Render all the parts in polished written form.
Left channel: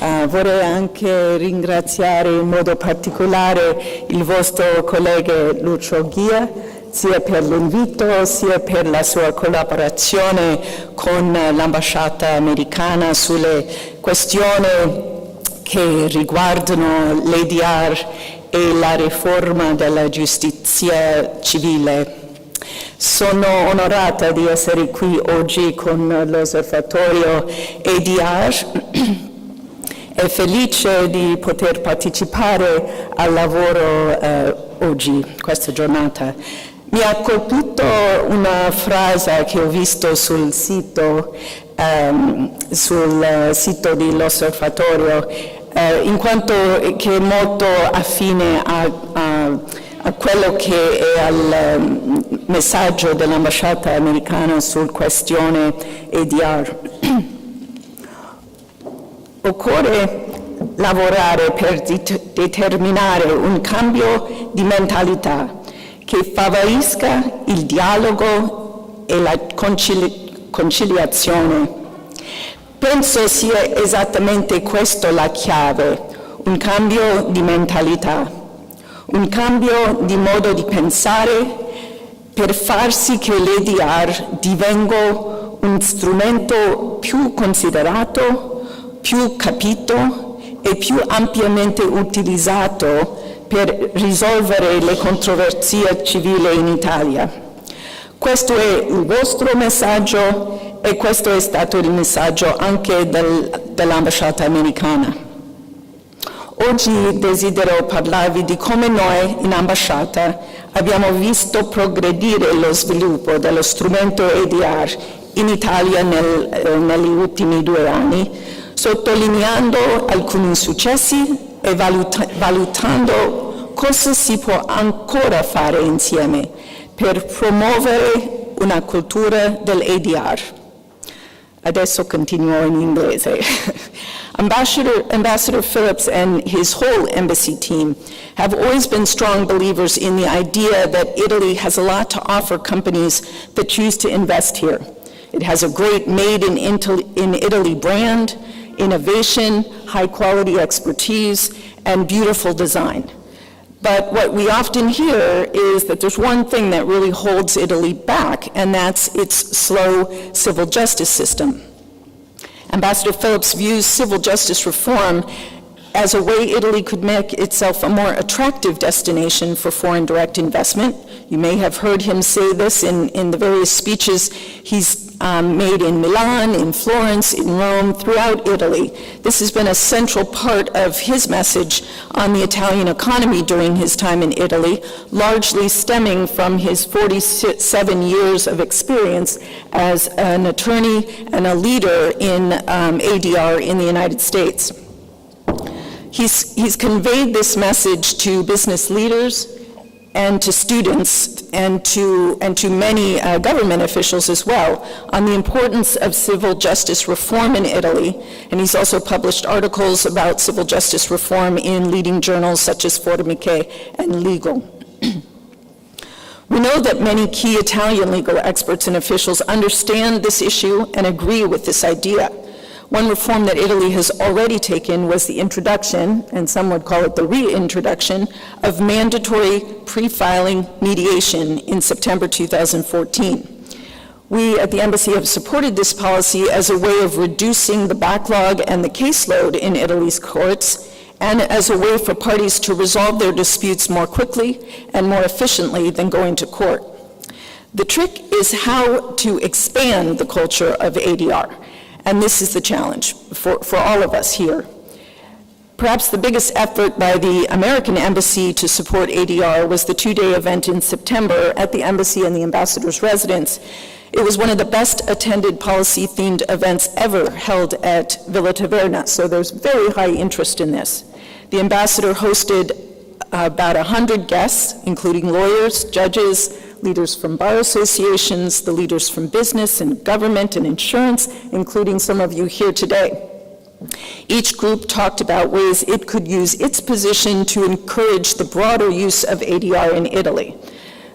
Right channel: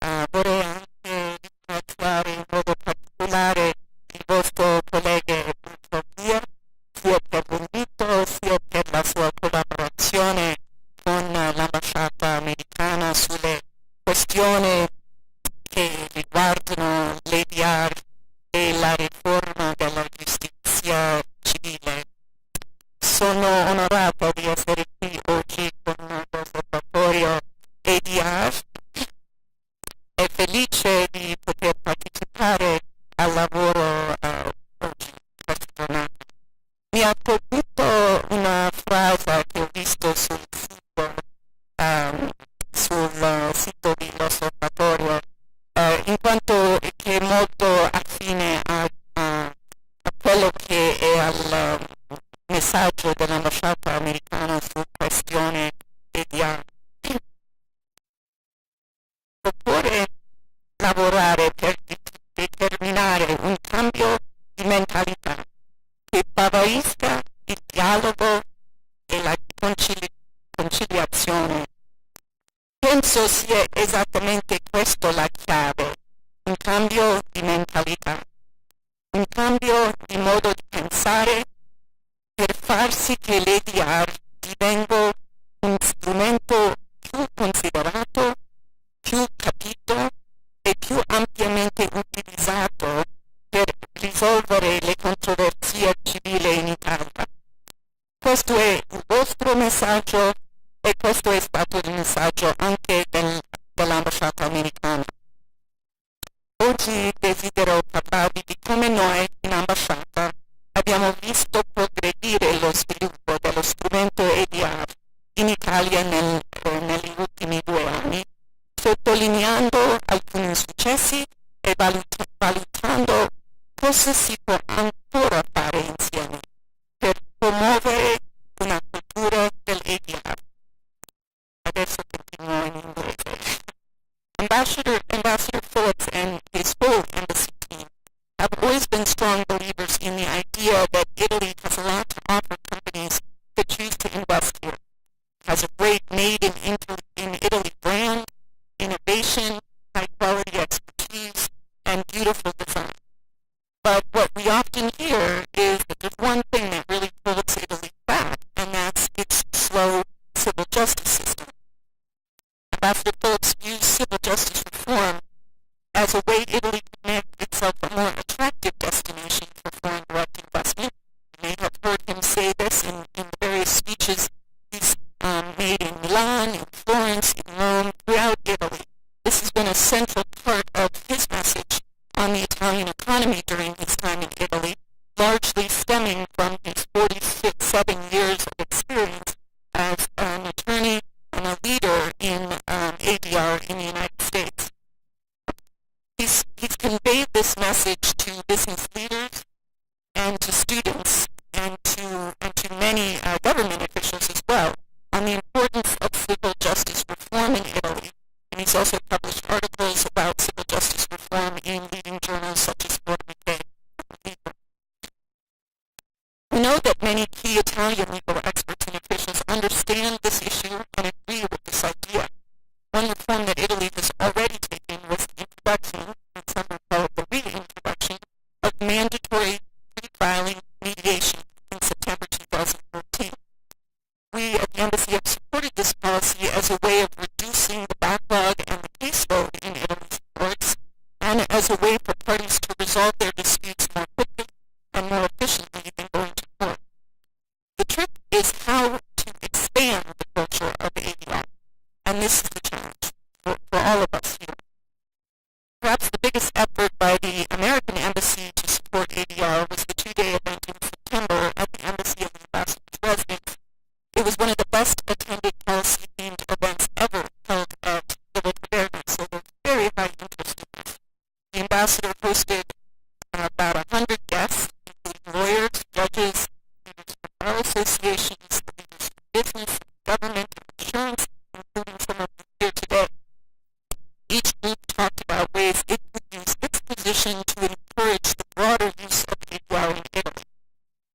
Vorrei anche ringraziare in modo particolare il vostro collega Lucio Ghia, sia per l'invito sia per la sua collaborazione con l'ambasciata americana sulle questioni che riguardano l'ADR e la riforma della giustizia civile. Sono onorata di essere qui oggi con l'osservatorio ADR e felice di poter partecipare al lavoro oggi, questa giornata. Mi ha colpito una frase che ho visto sul sito dell'osservatorio, in quanto che è molto affine a quello che è al messaggio dell'ambasciata americana sul questione ADR. Occorre lavorare per determinare un cambio di mentalità che favorisca il dialogo e la conciliazione. Penso sia esattamente questa la chiave, un cambio di mentalità, un cambio di modo di pensare per far sì che l'ADR divenga un strumento più considerato, più capito e più ampiamente utilizzato per risolvere le controversie civili in Italia. Questo è il vostro messaggio e questo è stato il messaggio anche dell'ambasciata americana. Oggi desidero parlarvi di come noi in ambasciata abbiamo visto progredire lo sviluppo dello strumento ADR in Italia negli ultimi 2 anni, sottolineando alcuni successi e valutando cosa si può ancora fare insieme per promuovere una cultura dell'ADR. Adesso continuo in inglese. Ambassador Phillips and his whole embassy team have always been strong believers in the idea that Italy has a lot to offer companies that choose to invest here. It has a great Made in Italy brand, innovation, high-quality expertise, and beautiful design. But what we often hear is that there's one thing that really holds Italy back, and that's its slow civil justice system. Ambassador Phillips views civil justice reform as a way Italy could make itself a more attractive destination for foreign direct investment. You may have heard him say this in the various speeches he's made in Milan, in Florence, in Rome, throughout Italy. This has been a central part of his message on the Italian economy during his time in Italy, largely stemming from his 47 years of experience as an attorney and a leader in ADR in the United States. He's conveyed this message to business leaders and to students and to many government officials as well on the importance of civil justice reform in Italy. And he's also published articles about civil justice reform in leading journals such as Formiche and Legal. We know that many key Italian legal experts and officials understand this issue and agree with this idea. One reform that Italy has already taken was the introduction, and some would call it the reintroduction, of mandatory pre-filing mediation in September 2014. We at the Embassy have supported this policy as a way of reducing the backlog and the caseload in Italy's courts, and as a way for parties to resolve their disputes more quickly and more efficiently than going to court. The trick is how to expand the culture of ADR. And this is the challenge for all of us here. Perhaps the biggest effort by the American Embassy to support ADR was the 2-day event in September at the Embassy and the Ambassador's residence. It was one of the best attended policy-themed events ever held at Villa Taverna, so there's very high interest in this. The Ambassador hosted about 100 guests, including lawyers, judges, leaders from bar associations, the leaders from business and government and insurance, including some of you here today. Each group talked about ways it could use its position to encourage the broader use of ADR in Italy.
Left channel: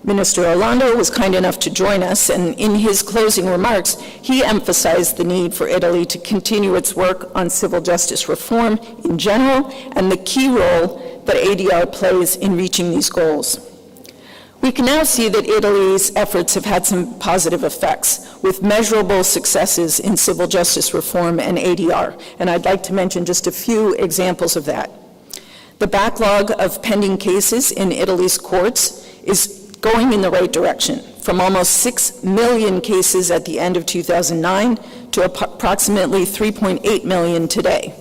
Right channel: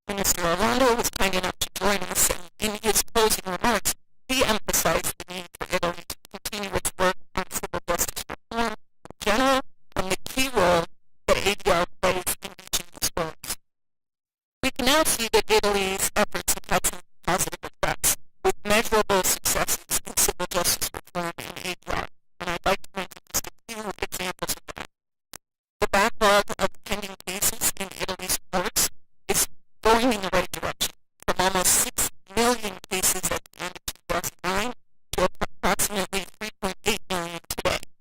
Minister Orlando was kind enough to join us, and in his closing remarks, he emphasized the need for Italy to continue its work on civil justice reform in general and the key role that ADR plays in reaching these goals. We can now see that Italy's efforts have had some positive effects, with measurable successes in civil justice reform and ADR, and I'd like to mention just a few examples of that. The backlog of pending cases in Italy's courts is going in the right direction, from almost 6 million cases at the end of 2009 to approximately 3.8 million today.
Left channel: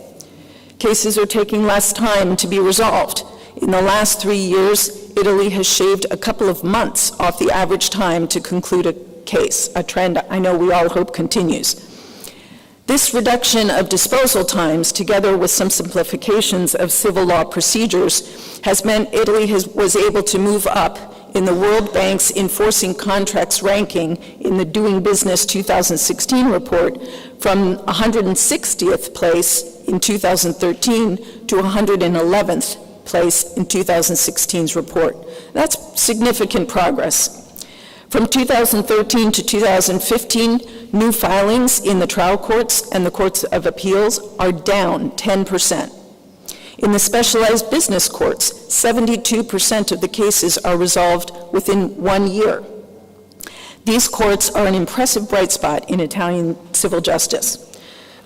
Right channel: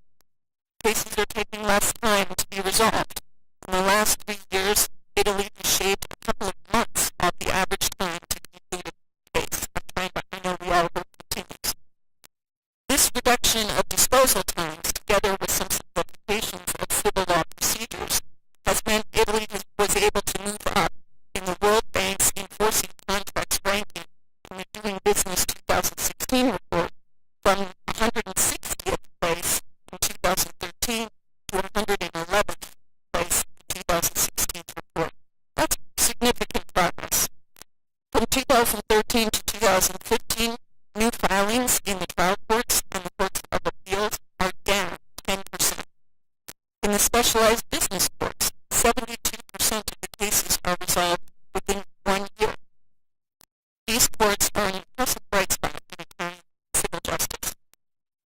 Cases are taking less time to be resolved. In the last 3 years, Italy has shaved a couple of months off the average time to conclude a case, a trend I know we all hope continues. This reduction of disposal times, together with some simplifications of civil law procedures, has meant Italy was able to move up in the World Bank's Enforcing Contracts ranking in the Doing Business 2016 report from 160th place in 2013 to 111th place in 2016's report. That's significant progress. From 2013 to 2015, new filings in the trial courts and the courts of appeals are down 10%. In the specialized business courts, 72% of the cases are resolved within 1 year. These courts are an impressive bright spot in Italian civil justice.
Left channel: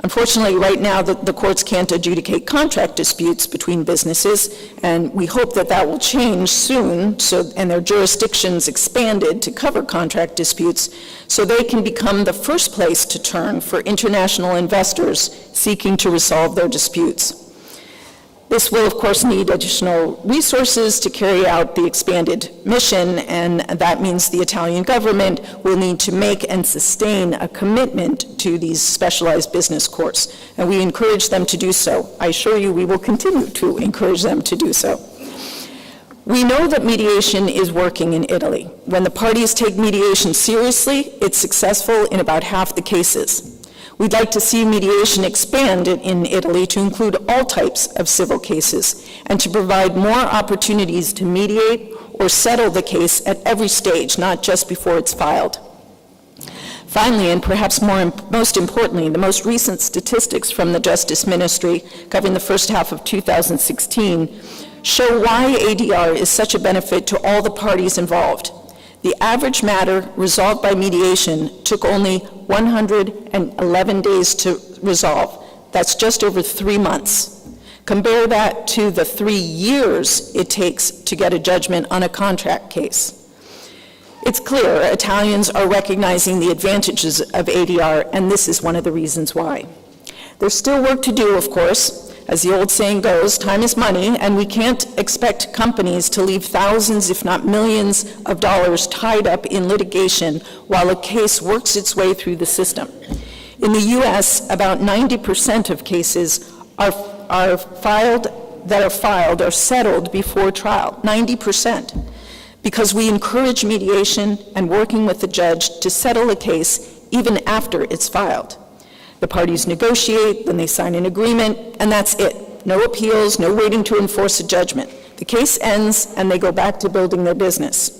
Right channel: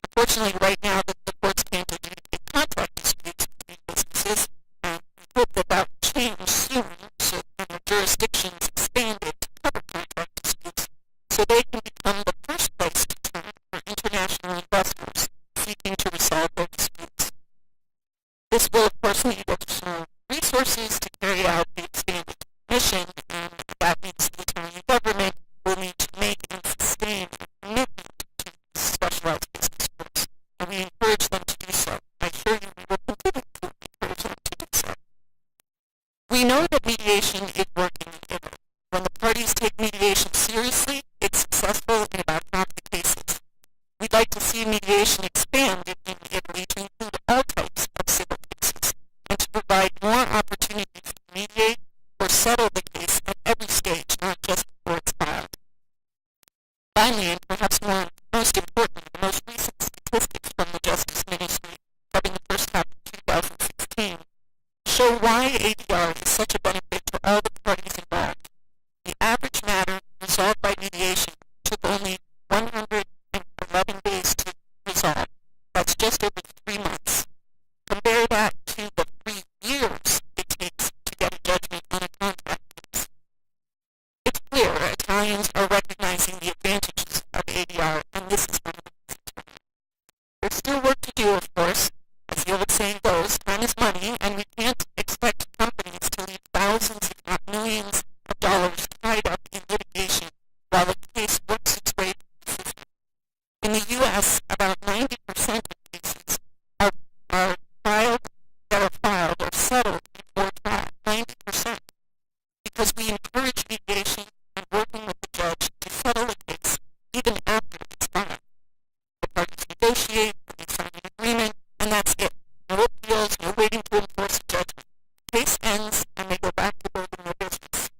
Unfortunately, right now, the courts can't adjudicate contract disputes between businesses, and we hope that that will change soon, and their jurisdictions expanded to cover contract disputes, so they can become the first place to turn for international investors seeking to resolve their disputes. This will, of course, need additional resources to carry out the expanded mission, and that means the Italian government will need to make and sustain a commitment to these specialized business courts, and we encourage them to do so. I assure you we will continue to encourage them to do so. We know that mediation is working in Italy. When the parties take mediation seriously, it's successful in about half the cases. We'd like to see mediation expand in Italy to include all types of civil cases and to provide more opportunities to mediate or settle the case at every stage, not just before it's filed. Finally, and perhaps most importantly, the most recent statistics from the Justice Ministry covering the first half of 2016 show why ADR is such a benefit to all the parties involved. The average matter resolved by mediation took only 111 days to resolve. That's just over 3 months. Compare that to the 3 years it takes to get a judgment on a contract case. It's clear Italians are recognizing the advantages of ADR, and this is one of the reasons why. There's still work to do, of course. As the old saying goes, time is money, and we can't expect companies to leave thousands, if not millions, of dollars tied up in litigation while a case works its way through the system. In the U.S., about 90% of cases are settled before trial, 90%, because we encourage mediation and working with the judge to settle a case even after it's filed. The parties negotiate, then they sign an agreement, and that's it. No appeals, no waiting to enforce a judgment. The case ends, and they go back to building their business.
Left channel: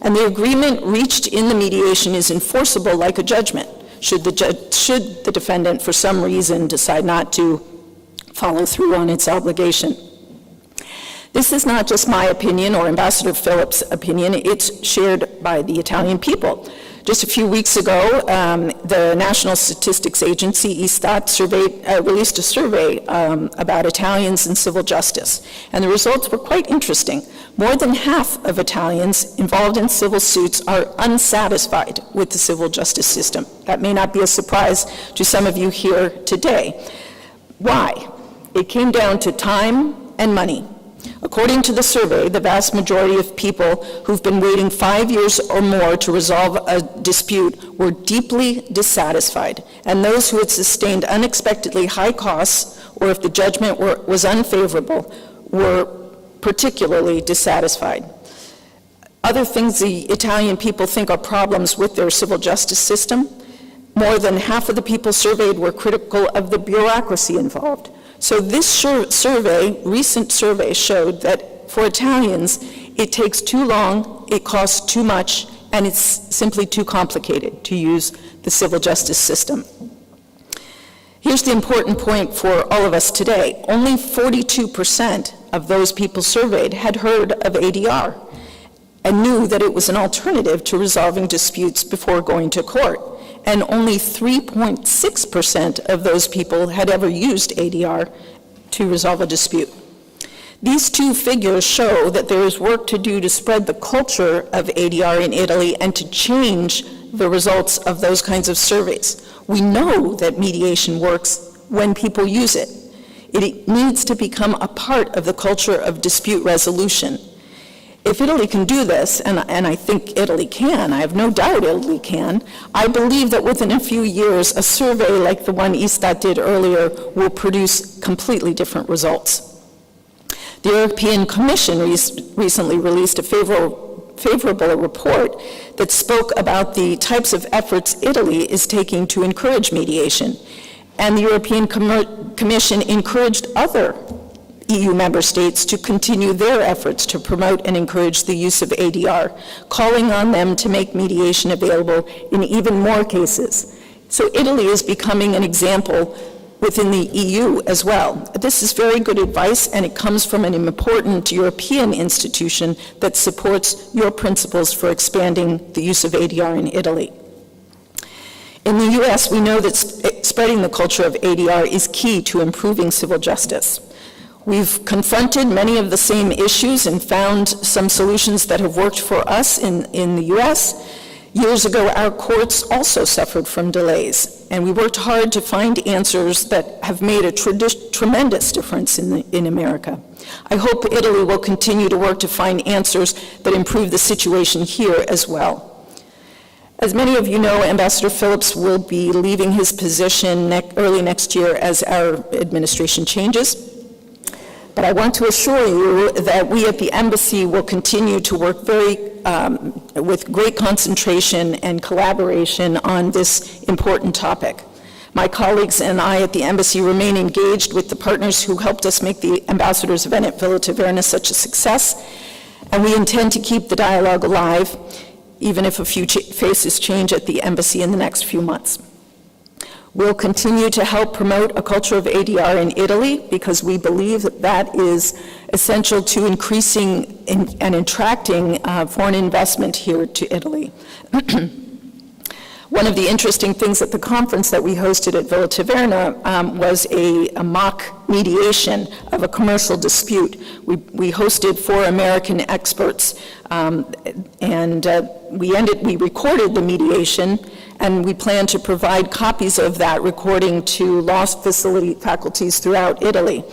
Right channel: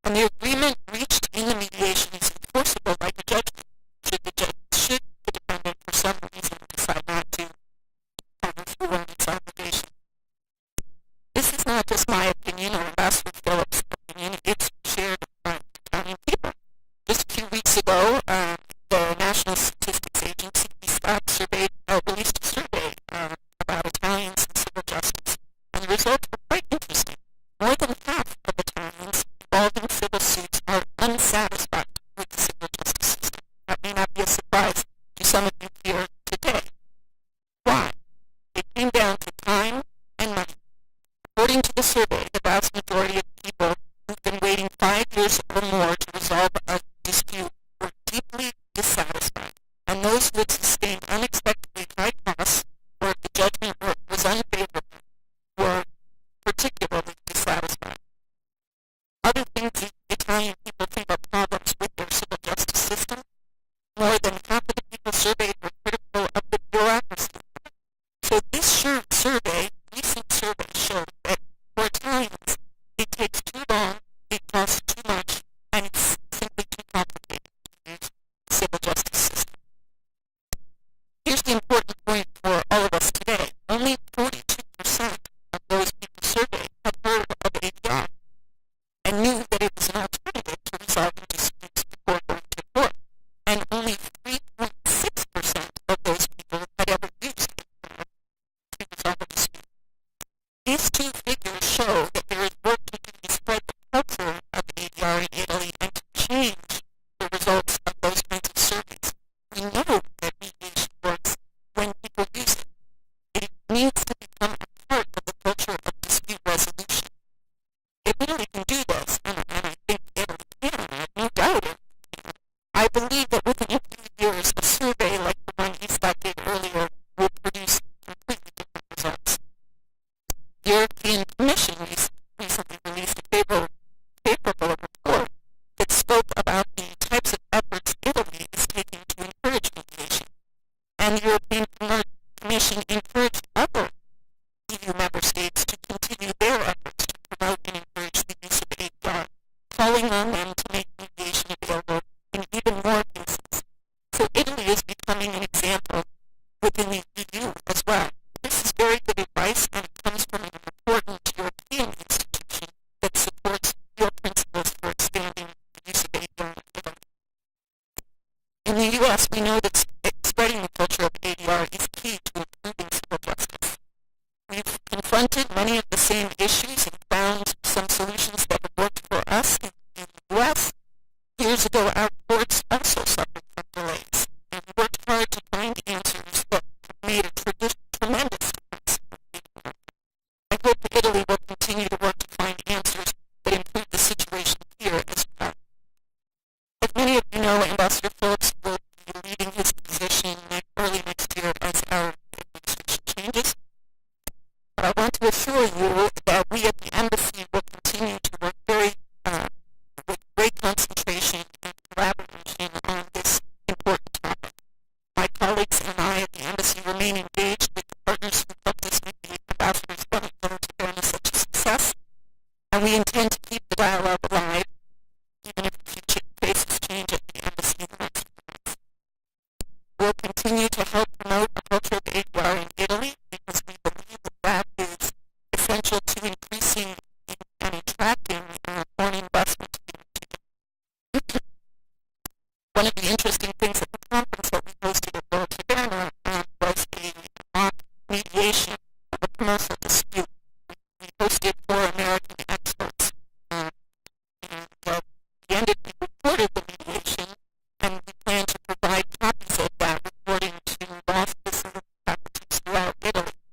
And the agreement reached in the mediation is enforceable like a judgment, should the defendant, for some reason, decide not to follow through on its obligation. This is not just my opinion or Ambassador Phillips' opinion, it's shared by the Italian people. Just a few weeks ago, the National Statistics Agency, Istat, released a survey about Italians in civil justice, and the results were quite interesting. More than half of Italians involved in civil suits are unsatisfied with the civil justice system. That may not be a surprise to some of you here today. Why? It came down to time and money. According to the survey, the vast majority of people who've been waiting 5 years or more to resolve a dispute were deeply dissatisfied, and those who had sustained unexpectedly high costs, or if the judgment was unfavorable, were particularly dissatisfied. Other things the Italian people think are problems with their civil justice system: more than half of the people surveyed were critical of the bureaucracy involved. So this recent survey showed that for Italians, it takes too long, it costs too much, and it's simply too complicated to use the civil justice system. Here's the important point for all of us today. Only 42% of those people surveyed had heard of ADR and knew that it was an alternative to resolving disputes before going to court. And only 3.6% of those people had ever used ADR to resolve a dispute. These two figures show that there is work to do to spread the culture of ADR in Italy and to change the results of those kinds of surveys. We know that mediation works when people use it. It needs to become a part of the culture of dispute resolution. If Italy can do this, and I think Italy can, I have no doubt Italy can, I believe that within a few years, a survey like the one Istat did earlier will produce completely different results. The European Commission recently released a favorable report that spoke about the types of efforts Italy is taking to encourage mediation. And the European Commission encouraged other EU member states to continue their efforts to promote and encourage the use of ADR, calling on them to make mediation available in even more cases. So Italy is becoming an example within the EU as well. This is very good advice, and it comes from an important European institution that supports your principles for expanding the use of ADR in Italy. In the US, we know that spreading the culture of ADR is key to improving civil justice. We've confronted many of the same issues and found some solutions that have worked for us in the US. Years ago, our courts also suffered from delays, and we worked hard to find answers that have made a tremendous difference in America. I hope Italy will continue to work to find answers that improve the situation here as well. As many of you know, Ambassador Phillips will be leaving his position early next year as our administration changes. But I want to assure you that we at the embassy will continue to work with great concentration and collaboration on this important topic. My colleagues and I at the embassy remain engaged with the partners who helped us make the ambassador's event at Villa Taverna such a success, and we intend to keep the dialogue alive, even if a few faces change at the embassy in the next few months. We'll continue to help promote a culture of ADR in Italy because we believe that that is essential to increasing and attracting foreign investment here to Italy. One of the interesting things at the conference that we hosted at Villa Taverna was a mock mediation of a commercial dispute. We hosted 4 American experts, and we recorded the mediation, and we plan to provide copies of that recording to law faculties throughout Italy.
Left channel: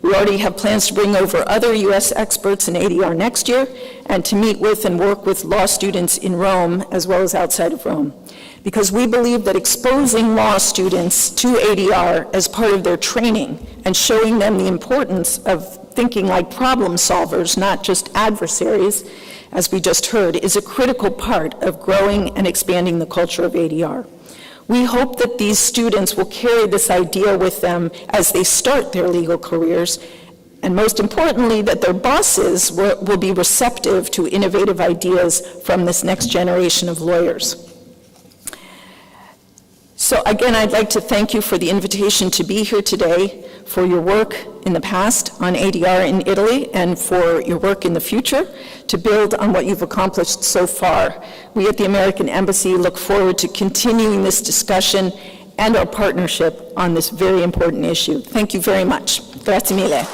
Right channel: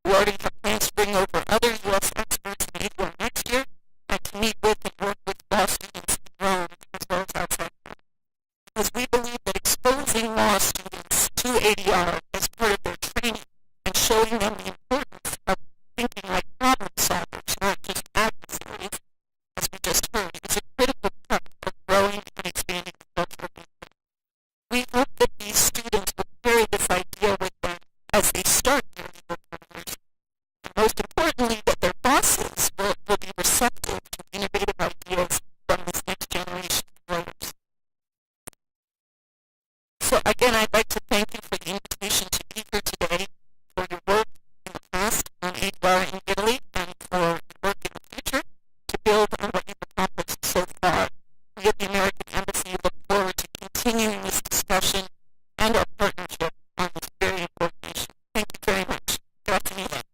We already have plans to bring over other U.S. experts in ADR next year and to meet with and work with law students in Rome as well as outside of Rome, because we believe that exposing law students to ADR as part of their training and showing them the importance of thinking like problem solvers, not just adversaries, as we just heard, is a critical part of growing and expanding the culture of ADR. We hope that these students will carry this idea with them as they start their legal careers, and most importantly, that their bosses will be receptive to innovative ideas from this next generation of lawyers. So again, I'd like to thank you for the invitation to be here today, for your work in the past on ADR in Italy, and for your work in the future to build on what you've accomplished so far. We at the American Embassy look forward to continuing this discussion and our partnership on this very important issue. Thank you very much. Grazie mille.